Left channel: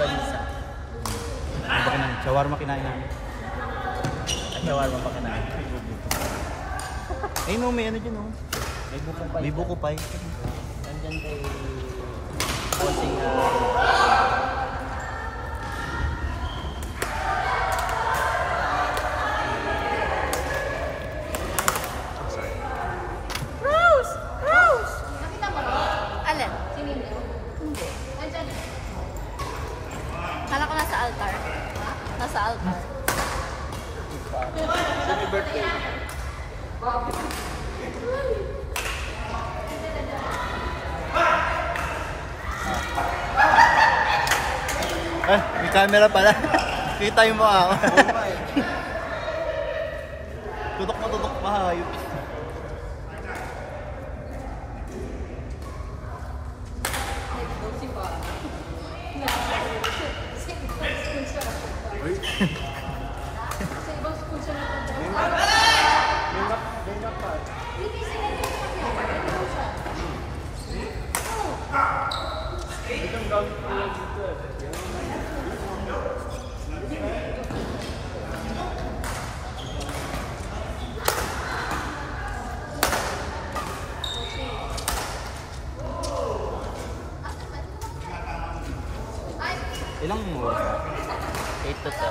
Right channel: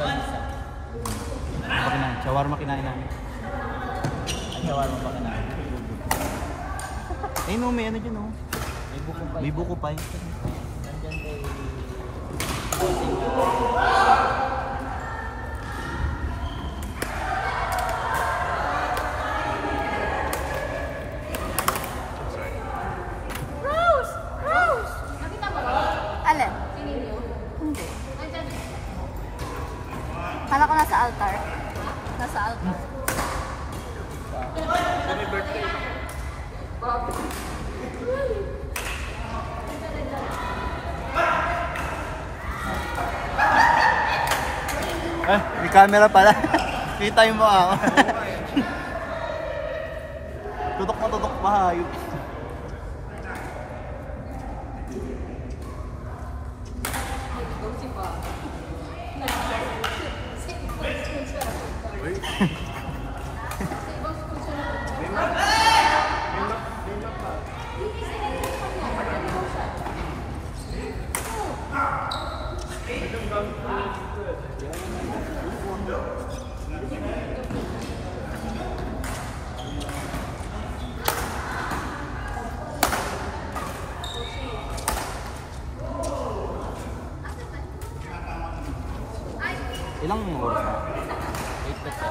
Longganisa. Ano ba kinain? Shawarma kinain namin. Shawarma pa kinain. Eh no, may ano dyan oh. May buko pa. Rose! Rose! Alin? Hindi. Kala ko nasa altar. Nasa altar. Happy birthday. May camera pala. Kita mo ako. Tutok pa hayop. Ilang oras na? 8 to 10.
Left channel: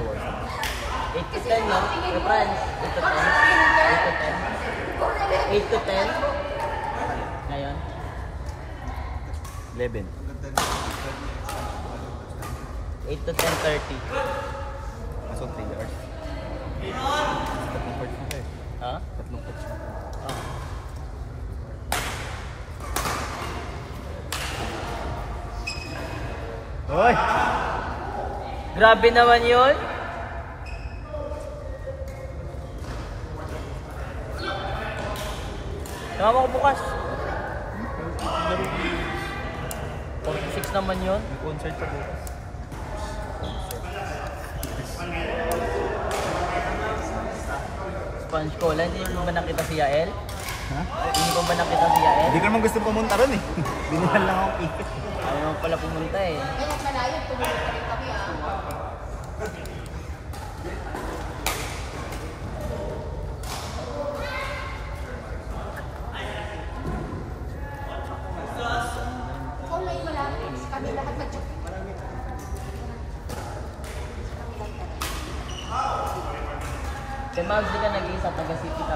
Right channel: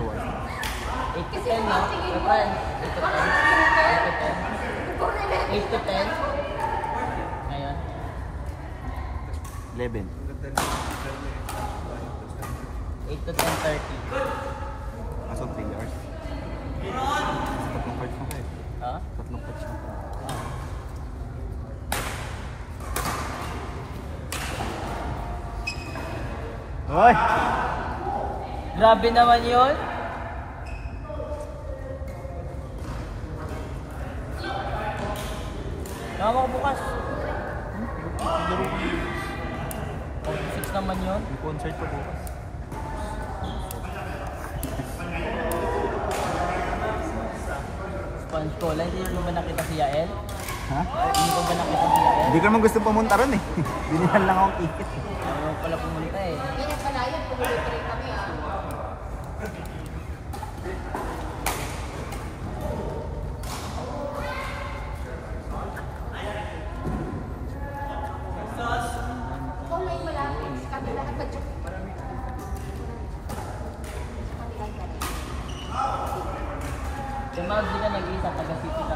2 hours na. 8 to 10 na. 8 to 10. Ngayon. 11. 8 to 10:30. Kaso 3 hours. Tatlong parts na kayo. Ha? Tatlong parts na kayo. Hoy! Grabe naman yun. Tama ko bukas. Laro ko yun. 6 naman yun. May concert pa bukas. Sponge Cola. Hindi mo ba nakita si Yael? Ha? Hindi mo ba nakita si Yael? Hindi ko naman gusto pumunta ron eh. Binihan lang akong ticket. Ayaw pala pumunta eh. Kaya mga hindi ka nag-iisang taga-city ka.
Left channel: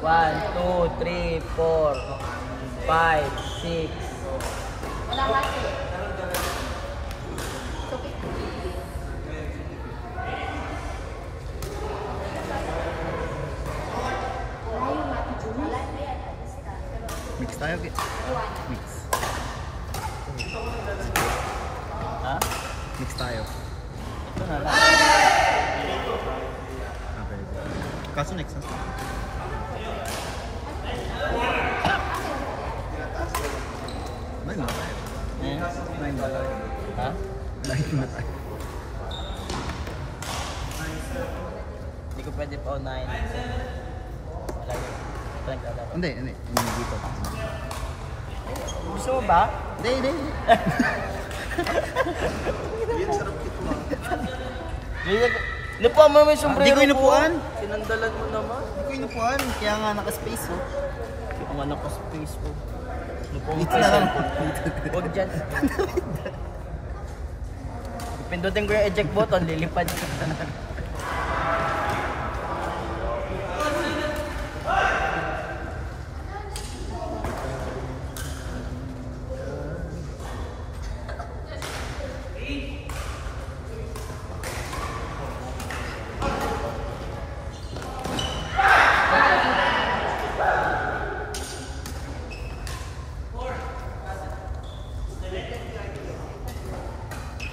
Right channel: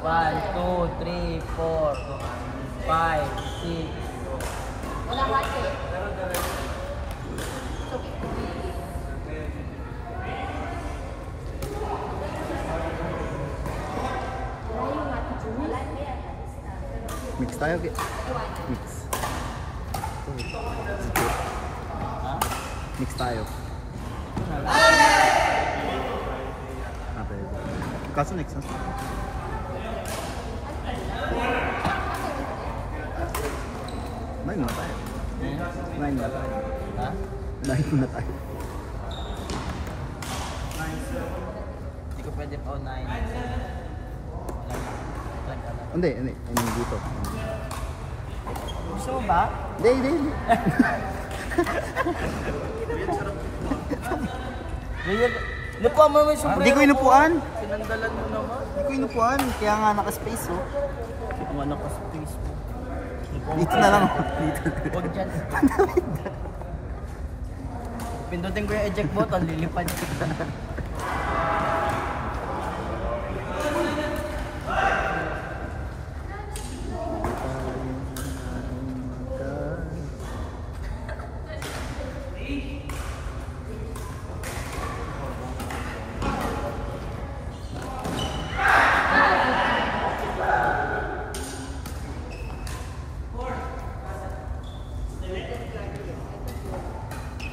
1, 2, 3, 4, 5, 6. Mix tayo. Mix. Ha? Mix tayo. Ito na lang. Ah, pwede. Kaso next na. Kumain muna tayo. Ayan. Kumain muna tayo. Ha? Kumain muna tayo. Hindi ko pwede pa unahin. Wala. Hindi. Dito. Gusto mo ba? Hindi. Lupa mo may sombrero. Hindi ko inupuan. Sinandalan mo naman. Hindi ko inupuan. Kaya nga naka-space oh. Ang anak ko sa Facebook. Dito na lang. Huwag dyan. Pindutin ko yung eject button, lilipad.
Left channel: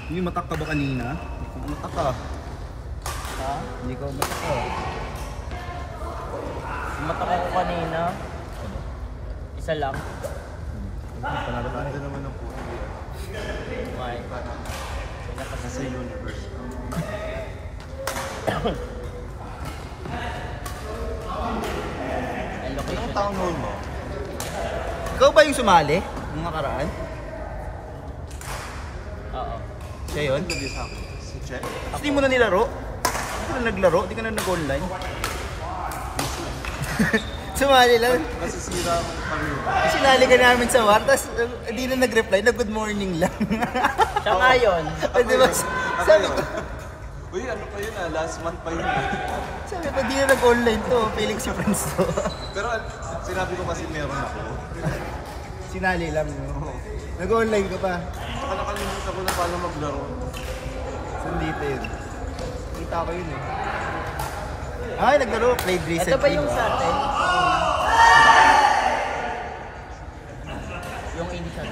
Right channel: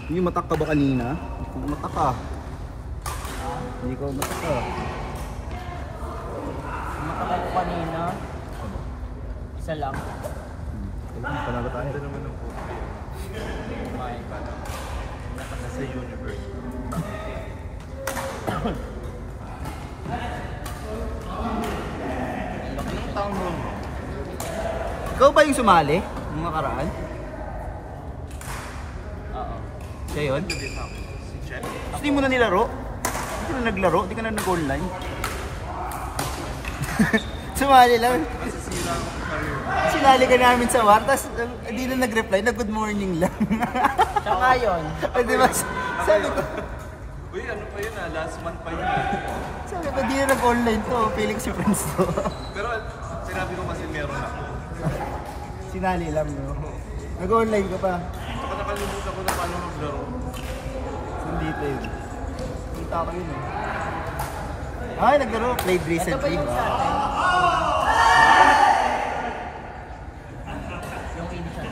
Hindi matak ka ba kanina? Matak ka. Ha? Hindi ka matak ka. Mataka ko kanina. Isa lang. Panalo tayo. Kumain. Ang location. Ikaw Ikaw ba yung sumali? Nung nakaraan? Oo. Siya yun? Gusto mo na nilaro? Hindi ka na naglaro? Hindi ka na nag-online? Sumali lang. Sinali ka namin sa war, tapos hindi na nag-reply na good morning lang. Siya nga yun. O diba, sabi ko, Uy, ano pa yun last month pa yun. sabi ko, di na nag-online to, feeling si friends to. Pero sinabi ko kasi meron. Sinali lang, no? Nag-online ka pa. Baka nakalimutan ko na paano maglaro. Saan dito yun? Kita ko yun eh. Ay, naglaro, played Ito pa recently. yung sa yung instant.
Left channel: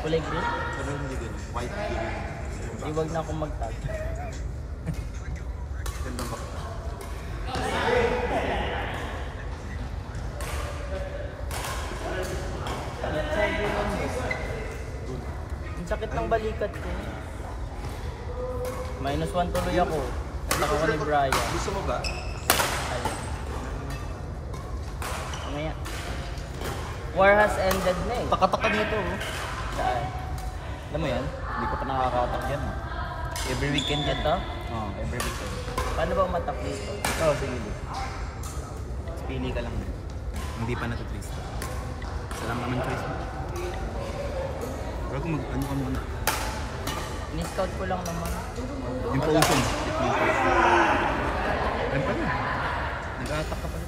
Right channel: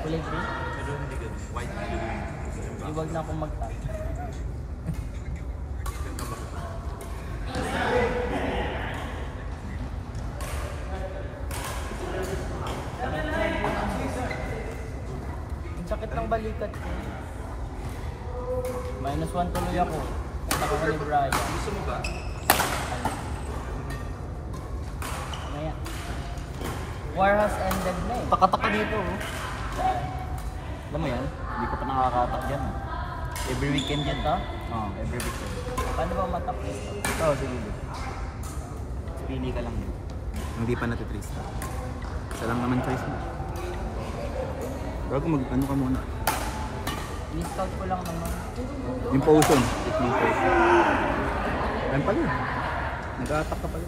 Kulay green? Pero hindi ganun. White green. Iwag na akong mag-tag. Ang sakit ng balikat ko. -1 tuloy ako. Ako ni Brian. Gusto mo ba? Mamaya. War has ended na eh. Takataka dito, oh. Saan? Alam mo yan? Hindi ko pa nakakatak yan, oh. Every weekend yan, Ito? Oo, every weekend. Paano ba matak dito? Ikaw, sige. Pili ka lang. Hindi pa natutrace ka. Isa lang naman choice mo. Bago ano ka muna. Ni-scout ko lang naman. Yung potion. Yung potion. Ano pala? Nag-a-attack ka pala.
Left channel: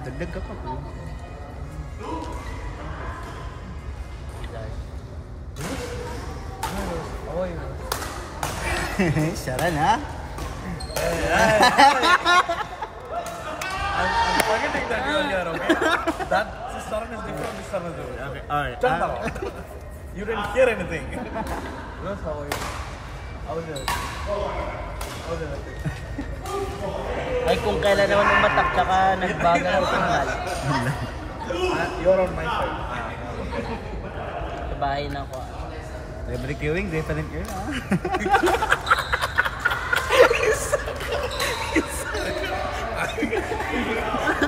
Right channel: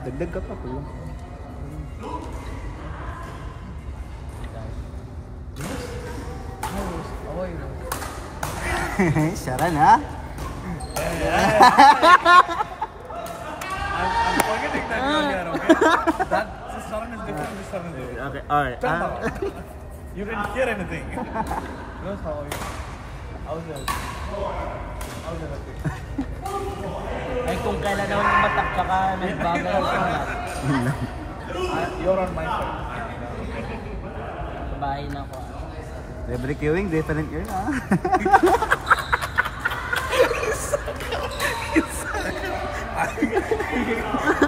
Dagdag ka pa pala. Oy. Sharan, ha? I'm forgetting that you're here, okay? That system is different this time of the year. Okay, alright. You didn't hear anything. No, how are you? How was it? Ay kung kailan naman umatak tsaka nagbagal ang lahat. You're on my side. Bahay na ako. Every queuing, different yun, ha?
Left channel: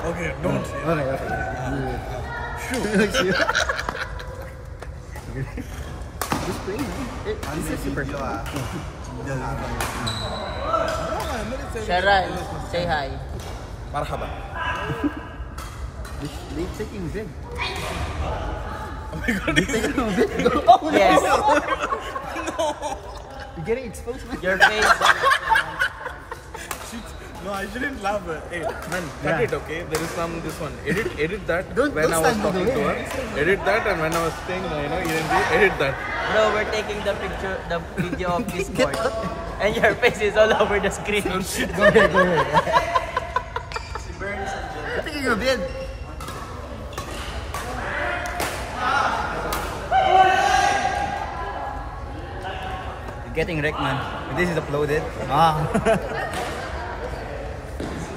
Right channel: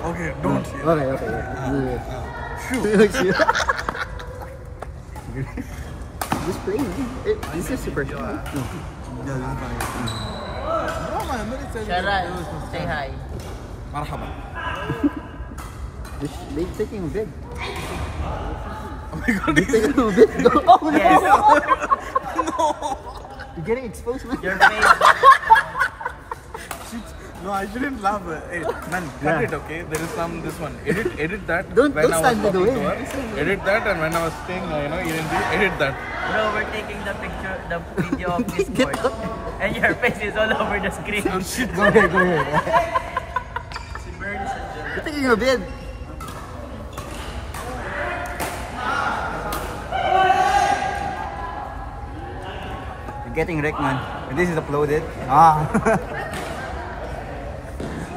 Okay, don't. Okay. Just playing, eh? This is super short. No. Sharan, say hi. Marhaba. They taking big. Oh my god. Oh, Yes. You're getting exposed, man. Your face. No, I shouldn't laugh. Hey, man, cut Yeah. it, okay? There is this one. Edit that Don't when I was stand talking the to her. way. Edit that, and when I was saying, edit that. Bro, we're taking the picture, the video of this board. And your face is all over the screen. Go ahead. You're taking a bid. You're getting wrecked, man. And this is uploaded. Ah.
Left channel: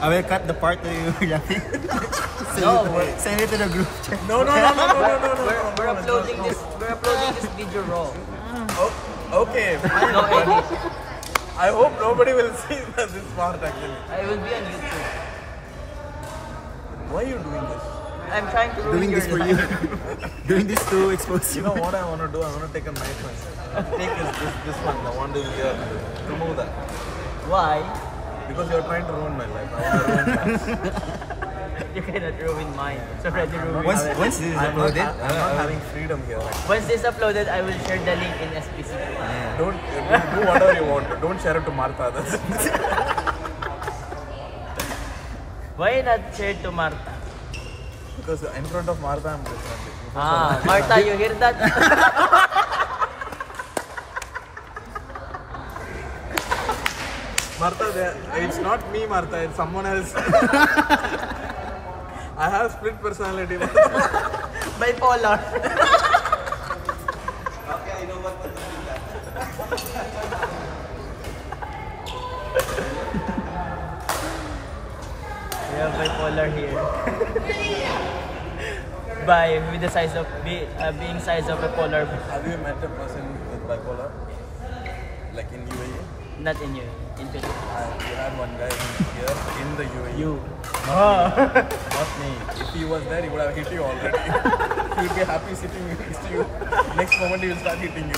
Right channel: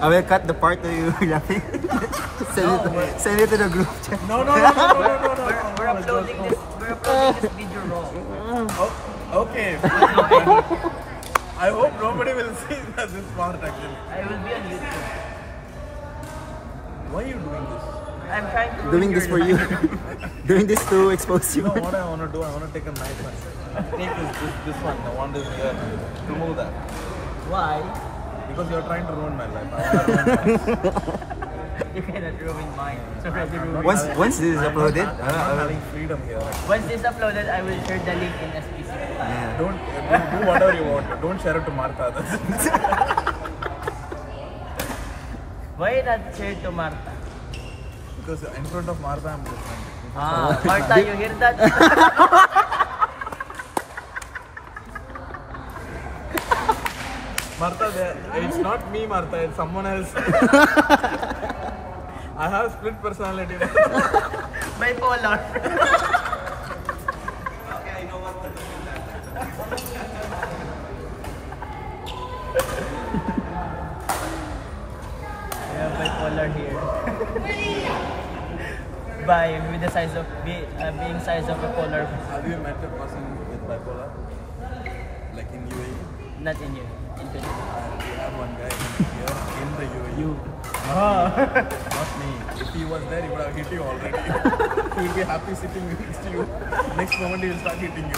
I will cut the part where you were laughing. Send it to the group chat. No. We're uploading this video raw. Okay, fine. No edit. I hope nobody will see this part actually. I will be on YouTube. Why are you doing this? I'm trying to Doing ruin this for your you. life. Doing this to expose You you. know what I want to do? I want to take a knife and take this one. I want to remove that. Why? Because you're trying to ruin my life. You cannot ruin mine. It's already ruined. Once this is uploaded, I'm I will. having freedom here. Once this uploaded, I will share the link in SPC. Yeah. Don't do whatever you want. Don't share it to Martha. Why not share to Martha? Because in front of Martha, I'm just Ah, Martha, you hear that? Martha, it's not me, Martha. It's someone else. I have split personality. Bipolar. We have bipolar here. By with the size of being size of a polar, Have you met a person with bipolar? Like in UAE? not in you, in Philippines. I have one guy here in the UAE. You. Not me. If he was there, he would have hit you already. He would be happy sitting next to you. Next moment, he will start hitting you.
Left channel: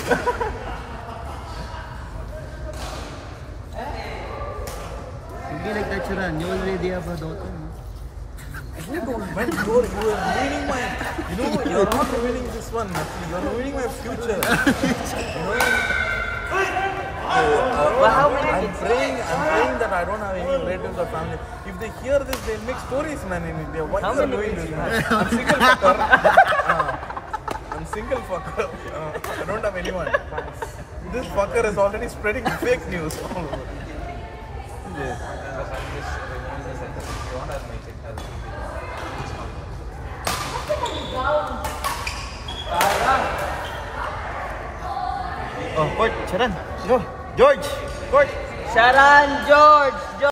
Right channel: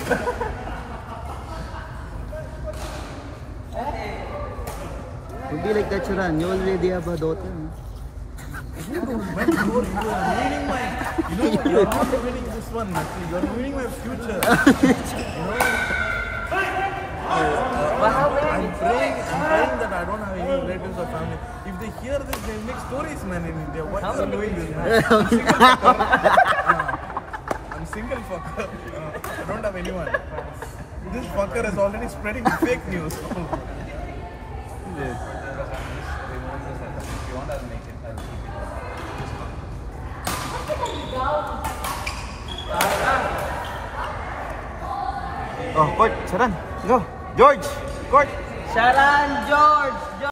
Don't be like that, Sharan. You already have a daughter. You're not winning this one. You're winning my future. I'm praying that I don't have any relatives or family. If they hear this, they make stories, man, in India. What are you doing this, man? I'm single fucker. I don't have anyone. This fucker is already spreading fake news. Oh, court, Sharan. Go. George, court. Sharan, George!